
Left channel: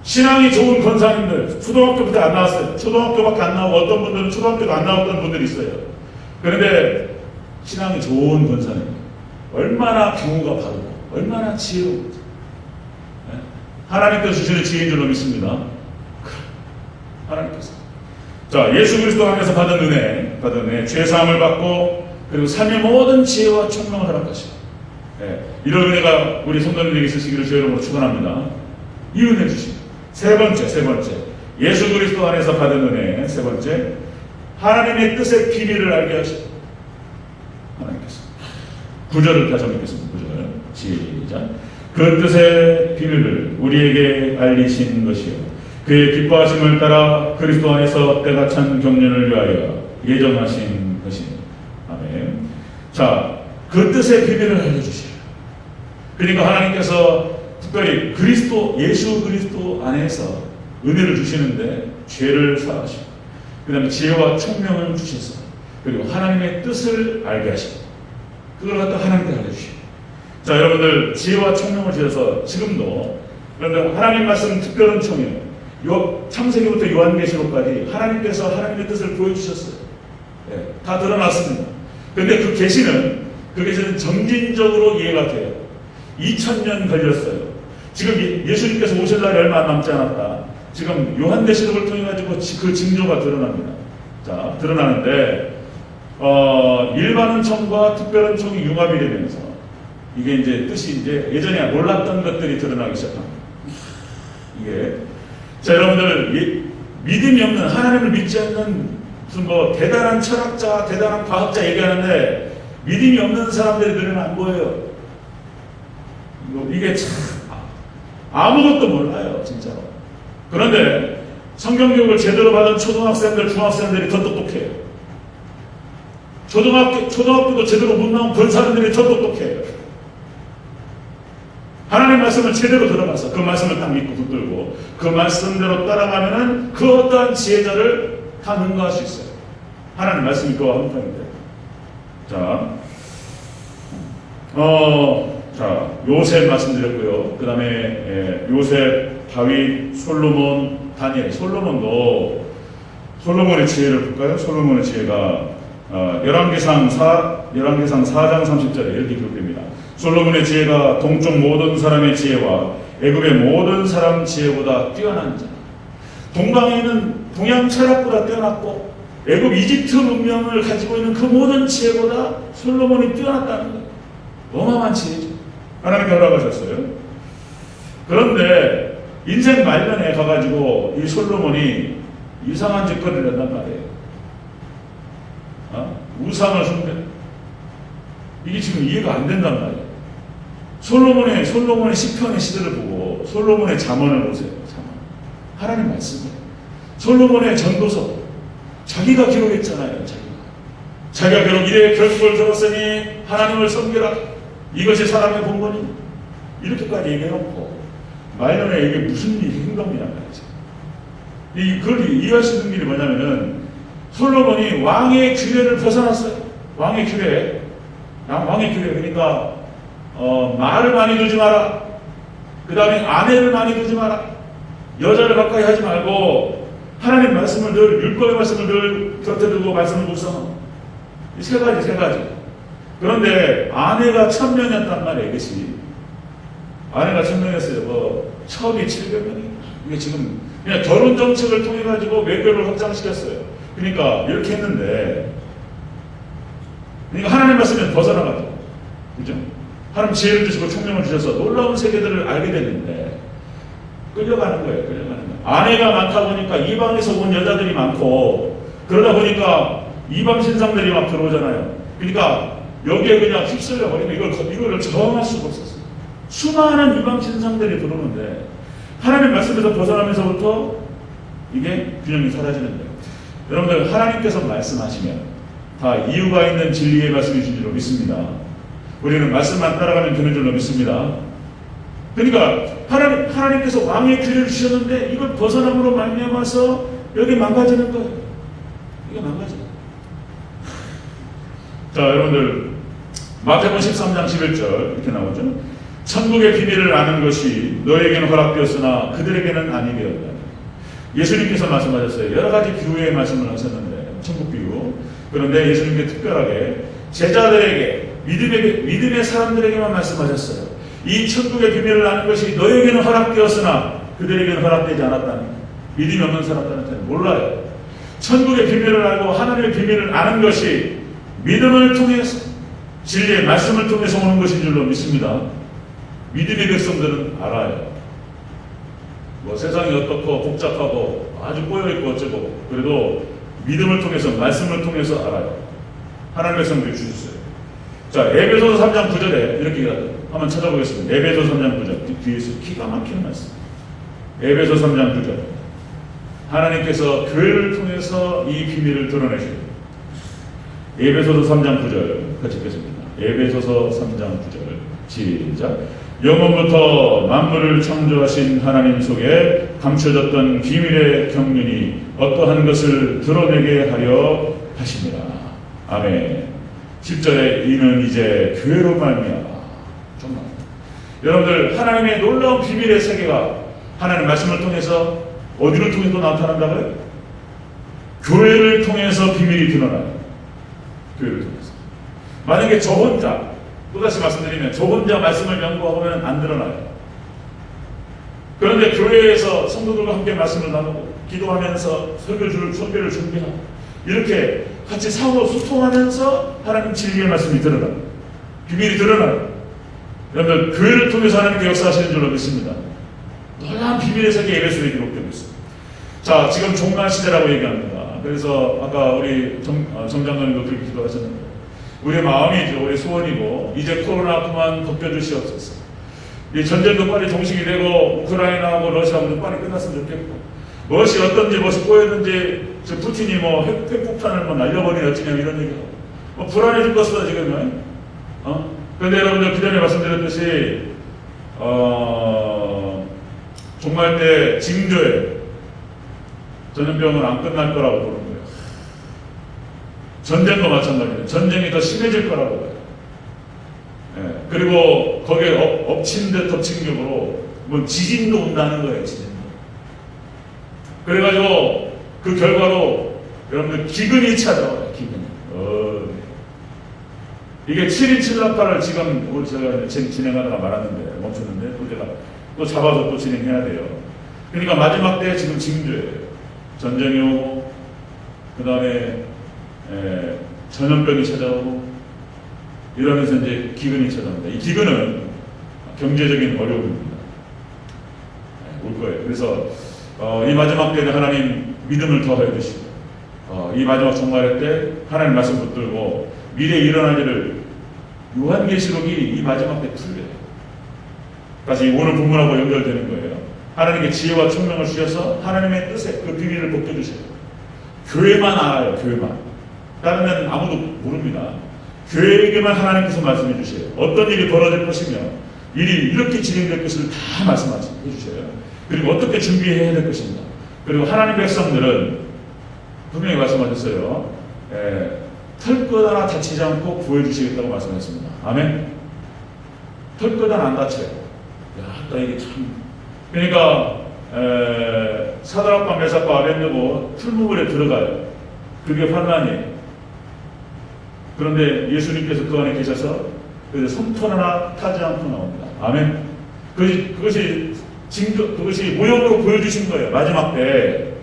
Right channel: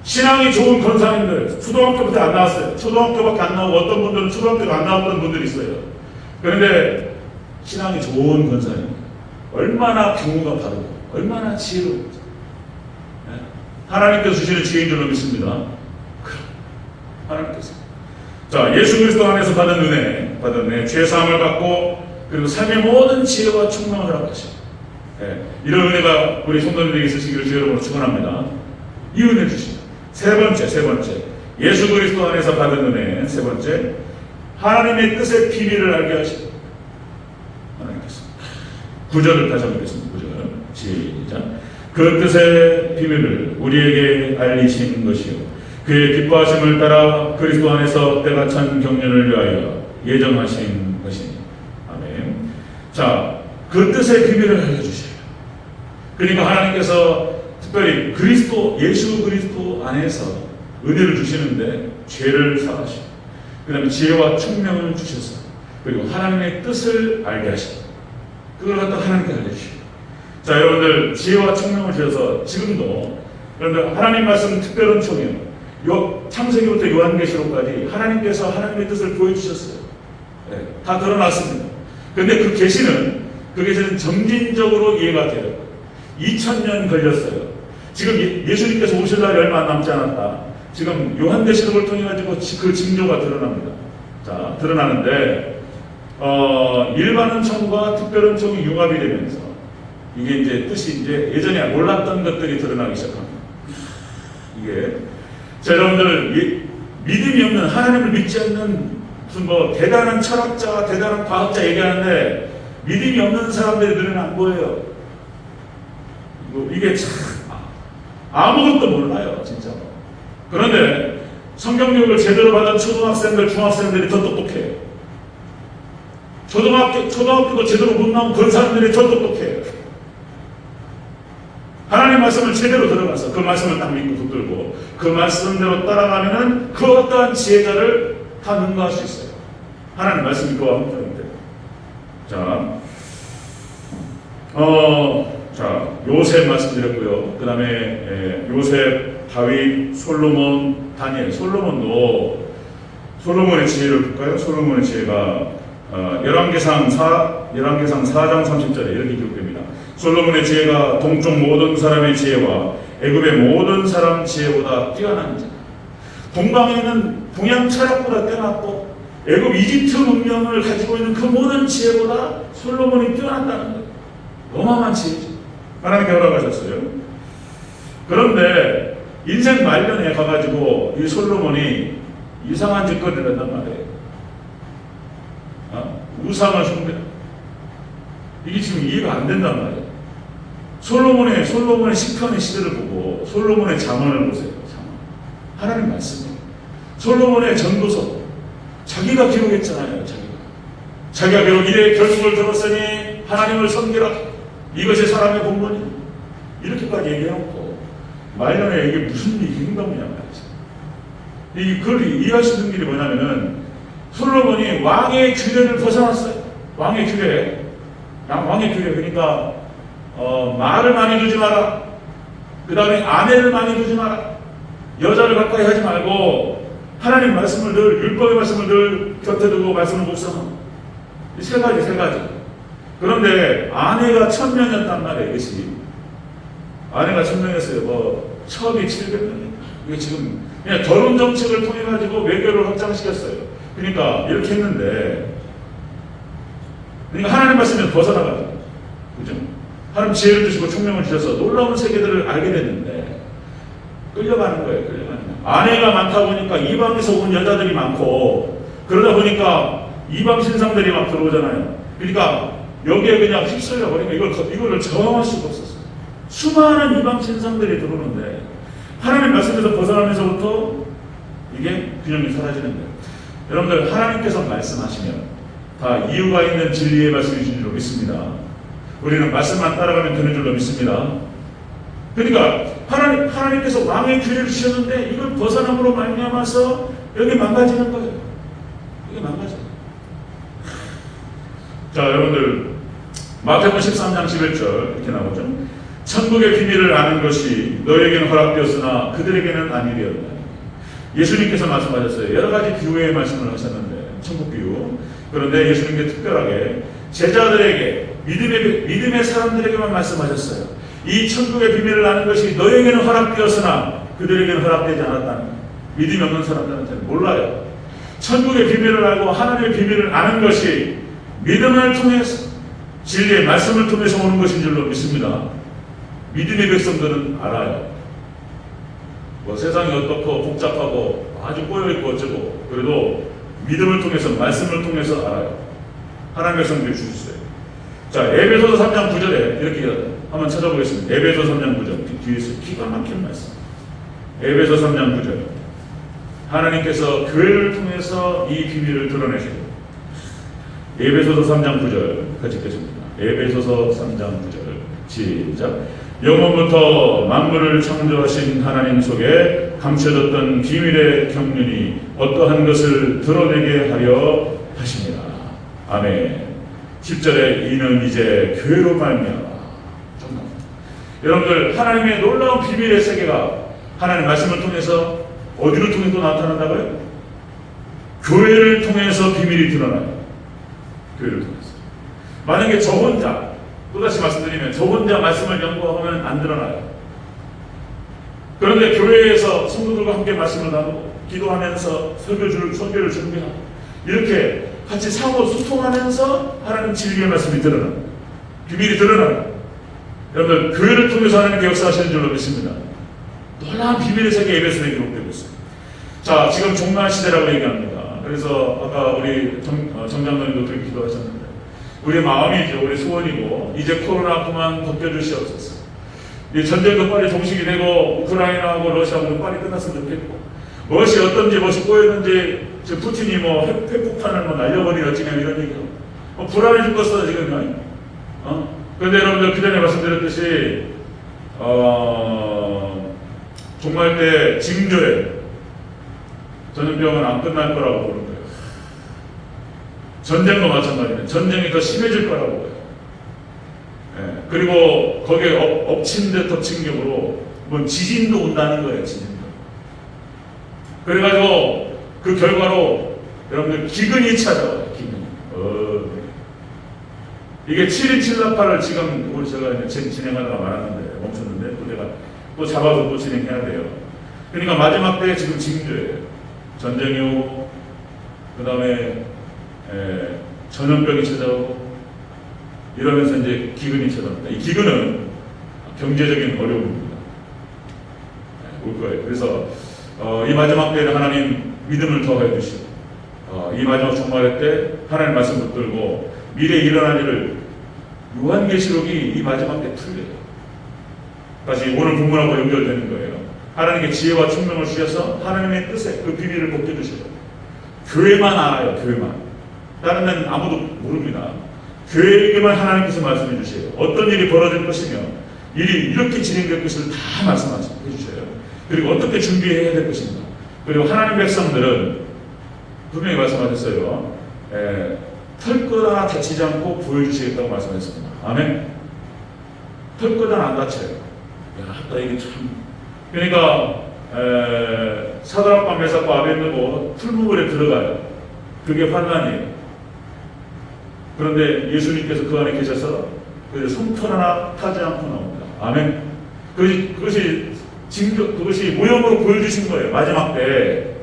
신앙이 좋은 권사님들 초등학교부터 안 나왔어요. 초등학교밖에 안 나오고 어떤 분들은 초등학교가 안 나왔던 분들이 있어요. 그런데 신앙이 좋은 권사님 얼마나 규모가 바르고 얼마나 지혜로운지 하나님께서 주시는 지혜인 줄로 믿습니다. 하나님께서 예수 그리스도 안에서 받은 은혜 죄사함을 받고 그리고 삶의 모든 지혜와 총명을 허락하시고 이런 은혜가 우리 성도님에게 있으시기를 주의 이름으로 축원합니다. 이 은혜 주시고 세 번째 예수 그리스도 안에서 받은 은혜 세 번째 하나님의 뜻의 비밀을 알게 하시고 하나님께서 구절을 다시 한번 읽겠습니다. 구절 시작. 그 뜻의 비밀을 우리에게 알리신 것이요 그의 기뻐하심을 따라 그리스도 안에서 때가 찬 경륜을 위하여 예정하신 것입니다. 아멘. 그 뜻의 비밀을 알려주셔요. 그러니까 하나님께서 특별히 예수 그리스도 안에서 은혜를 주시는데 죄를 사하시고 그 다음에 지혜와 총명을 주셔서 그리고 하나님의 뜻을 알게 하시고 그걸 갖다 하나님께 알려주시고 여러분들 지혜와 총명을 주셔서 지금도 여러분들 하나님 말씀 특별한 총명 창세기부터 요한계시록까지 하나님께서 하나님의 뜻을 보여주셨어요. 다 드러났습니다. 그런데 그 계시는 점진적으로 이해가 돼요. 2000년 걸렸어요. 지금 예수님께서 오실 날이 얼마 안 남지 않았다. 지금 요한계시록을 통해 가지고 그 징조가 드러납니다. 드러나는데 일반 은총과 특별 은총이 융합이 되면서 이게 이제 뜻이 예전에 몰랐던 것들이 드러나기 시작합니다. 여러분들 믿음이 없는 하나님을 믿지 않는 무슨 대단한 철학자, 대단한 과학자 얘기하는데 믿음이 없는 사람들이 눈에는 안 보여요. 이게 참 아무것도 몰라요, 진짜로. 그런데 성경 교육을 제대로 받은 초등학생들, 중학생들이 더 똑똑해요. 초등학교도 제대로 못 나온 본 사람들이 더 똑똑해요. 하나님의 말씀을 제대로 들어가서 그 말씀을 딱 믿고 붙들고 그 말씀대로 따라가면은 그 어떠한 지혜자를 다 능가할 수 있어요. 하나님 말씀이 그와 함께하면 돼요. 자, 요셉 말씀드렸고요. 그 다음에 요셉, 다윗, 솔로몬, 다니엘. 솔로몬의 지혜를 볼까요? 솔로몬의 지혜가 열왕기상 4장 30절에 이렇게 기록됩니다. 솔로몬의 지혜가 동쪽 모든 사람의 지혜와 애굽의 모든 사람 지혜보다 뛰어난지. 동방에는 동양 철학보다 뛰어났고 애굽 이집트 문명을 가지고 있는 그 모든 지혜보다 솔로몬이 뛰어났다는 거예요. 어마어마한 지혜죠. 하나님 결박하셨어요. 그런데 인생 말년에 가가지고 이 솔로몬이 이상한 짓거리를 한단 말이에요. 우상을 숭배. 이게 지금 이해가 안 된단 말이에요. 솔로몬의 시편의 시대를 보고 솔로몬의 잠언을 보세요. 하나님 말씀이에요. 솔로몬의 전도서 자기가 기록했잖아요. 자기가 결국 이래 결국을 들었으니 하나님을 섬기라. 이것이 사람의 본분이. 이렇게까지 얘기해놓고 말년에 이게 무슨 행동이냐 말이죠. 그걸 이해할 수 있는 길이 뭐냐면은 솔로몬이 왕의 규례를 벗어났어요. 왕의 규례. 그러니까 말을 많이 두지 마라. 그 다음에 아내를 많이 두지 마라. 여자를 가까이 하지 말고 하나님 말씀을 늘 율법의 말씀을 늘 곁에 두고 말씀을 묵상하고 세 가지. 그런데 아내가 1000명이었단 말이에요. 이것이 아내가 1000명이었어요. 첩이 700명이에요. 이게 지금 그냥 결혼 정책을 통해 가지고 외교를 확장시켰어요. 그러니까 이렇게 했는데, 그러니까 하나님 말씀에 벗어나가죠. 그죠? 하나님 지혜를 주시고 총명을 주셔서 놀라운 세계들을 알게 됐는데 끌려가는 거예요. 아내가 많다 보니까 이방에서 온 여자들이 많고 그러다 보니까 이방 신상들이 막 들어오잖아요. 그러니까 여기에 그냥 휩쓸려 버리고 이거를 저항할 수가 없었어요. 수많은 이방 신상들이 들어오는데 하나님 말씀에서 벗어나면서부터 이게 균형이 사라지는 거예요. 여러분들 하나님께서 말씀하시면 다 이유가 있는 진리의 말씀이신 줄로 믿습니다. 우리는 말씀만 따라가면 되는 줄로 믿습니다. 그러니까 하나님께서 왕의 규례를 주셨는데 이걸 벗어남으로 말미암아서 여기 망가지는 거예요. 이게 망가져요. 자, 여러분들 마태복음 13장 11절 이렇게 나오죠. 천국의 비밀을 아는 것이 너에게는 허락되었으나 그들에게는 아니 되었다. 예수님께서 말씀하셨어요. 여러 가지 비유의 말씀을 하셨는데 천국 비유. 그런데 예수님께서 특별하게 제자들에게 믿음의 사람들에게만 말씀하셨어요. 이 천국의 비밀을 아는 것이 너에게는 허락되었으나 그들에게는 허락되지 않았다는 믿음이 없는 사람들한테는 몰라요. 천국의 비밀을 알고 하나님의 비밀을 아는 것이 믿음을 통해서 진리의 말씀을 통해서 오는 것인 줄로 믿습니다. 믿음의 백성들은 알아요. 세상이 어떻고 복잡하고 아주 꼬여있고 어쩌고 그래도 믿음을 통해서 말씀을 통해서 알아요. 하나님의 백성들이 주셨어요. 자, 에베소서 3장 9절에 이렇게 기다려요. 한번 찾아보겠습니다. 에베소 3장 9절 뒤에서 기가 막힌 말씀. 에베소 3장 9절 하나님께서 교회를 통해서 이 비밀을 드러내시고 에베소서 3장 9절 같이 읽겠습니다. 에베소서 3장 9절 시작. 영원부터 만물을 창조하신 하나님 속에 감춰졌던 비밀의 경륜이 어떠한 것을 드러내게 하려 하십니다. 아멘. 10절에 이는 이제 교회로 말미암아. 여러분들 하나님의 놀라운 비밀의 세계가 하나님의 말씀을 통해서 어디를 통해서 나타난다고요? 교회를 통해서 비밀이 드러나요. 교회를 통해서. 만약에 저 혼자 또다시 말씀드리면 저 혼자 말씀을 연구하면 안 드러나요. 그런데 교회에서 성도들과 함께 말씀을 나누고 기도하면서 설교를 준비하고 이렇게 같이 상호 소통하면서 하나님 진리의 말씀이 드러나요. 비밀이 드러나요. 여러분 교회를 통해서 하나님께 역사하시는 줄로 믿습니다. 놀라운 비밀의 세계 에베소에 기록되고 있습니다. 자, 지금 종말 시대라고 얘기합니다. 그래서 아까 우리 정장님도 그렇게 기도하셨는데 우리의 마음이죠. 우리 소원이고 이제 코로나 그만 덮여주시옵소서. 이 전쟁도 빨리 종식이 되고 우크라이나하고 러시아하고 빨리 끝났으면 좋겠고 무엇이 어떤지 무엇이 꼬였는지 저 푸틴이 핵폭탄을 날려버리려 어찌냐 이런 얘기하고 불안해 죽겠어 지금. 그런데 여러분들 그 전에 말씀드렸듯이 종말 때 징조에 전염병은 안 끝날 거라고 보는 거예요. 전쟁과 마찬가지예요. 전쟁이 더 심해질 거라고 해요. 예, 그리고 거기에 엎친 데 덮친 격으로 뭐 지진도 온다는 거예요. 지진도. 그래가지고 그 결과로 여러분들 기근이 찾아와요. 기근이. 이게 7.27나파를 지금 우리 제가 진행하다가 말았는데 멈췄는데 또 제가 또 잡아서 또 진행해야 돼요. 그러니까 마지막 때 지금 징조예요. 전쟁이 오고 그 다음에 전염병이 찾아오고 이러면서 이제 기근이 찾아옵니다. 이 기근은 경제적인 어려움입니다. 올 거예요. 그래서 이 마지막 때는 하나님 믿음을 더해 주시고 이 마지막 종말의 때 하나님 말씀 붙들고 미래에 일어날 일을 요한계시록이 이 마지막 때 풀려요. 다시 오늘 본문하고 연결되는 거예요. 하나님께 지혜와 총명을 주셔서 하나님의 뜻에 그 비밀을 벗겨주셔요. 교회만 알아요. 교회만. 다른 데는 아무도 모릅니다. 교회에게만 하나님께서 말씀해 주세요. 어떤 일이 벌어질 것이며 일이 이렇게 진행될 것을 다 말씀해 주셔요. 그리고 어떻게 준비해야 될 것인가. 그리고 하나님 백성들은 분명히 말씀하셨어요. 털 것 하나 다치지 않고 보여주시겠다고 말씀했습니다. 아멘. 털 것 하나 안 다쳐요. 야, 이게 참. 그러니까 사드락과 메삭과 아벳느고 풀무불에 들어가요. 그게 환란이에요. 그런데 예수님께서 그 안에 계셔서 손털 하나 타지 않고 나옵니다. 아멘. 그것이 징조, 그것이 모형으로 보여주신 거예요. 마지막 때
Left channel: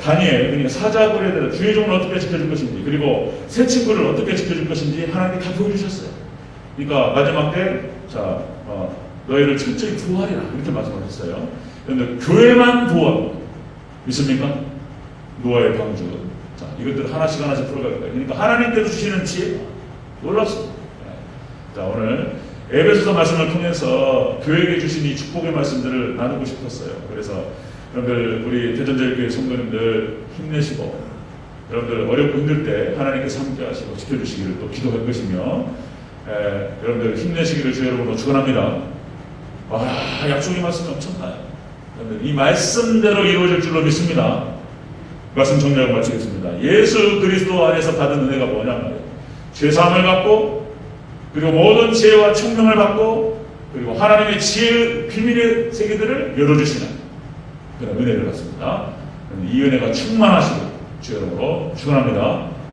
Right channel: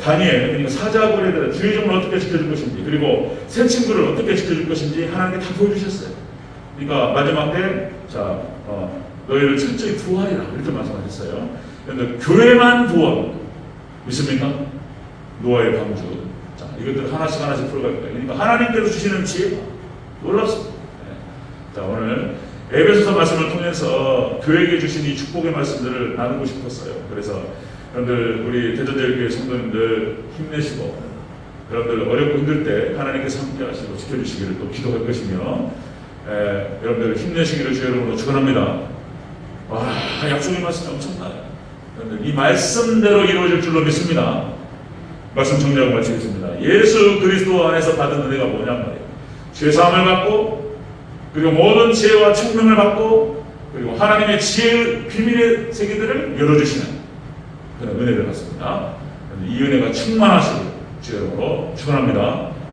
다니엘, 그러니까 사자굴에 주의 종을 어떻게 지켜줄 것인지, 그리고 새 친구를 어떻게 지켜줄 것인지 하나님께 다 보여주셨어요. 그러니까 마지막 때, 너희를 철저히 구하리라 이렇게 말씀하셨어요. 그런데 교회만 구원 믿습니까? 노아의 방주. 자, 이것들 하나씩 풀어갈 거예요. 그러니까 하나님께서 주시는 지혜 놀랍습니다. 자, 오늘 에베소서 말씀을 통해서 교회에게 주신 이 축복의 말씀들을 나누고 싶었어요. 그래서 여러분들 우리 대전제일교회 성도님들 힘내시고 여러분들 어렵고 힘들 때 하나님께서 함께 하시고 지켜주시기를 또 기도할 것이며 여러분들 힘내시기를 주의 이름으로 축원합니다. 약속의 말씀이 엄청나요. 여러분들 이 말씀대로 이루어질 줄로 믿습니다. 말씀 정리하고 마치겠습니다. 예수 그리스도 안에서 받은 은혜가 뭐냐 말이에요. 죄사함을 받고 그리고 모든 지혜와 총명을 받고 그리고 하나님의 지혜 비밀의 세계들을 열어주시는 그런 은혜를 받습니다. 이 은혜가 충만하시고 주의 이름으로 축원합니다.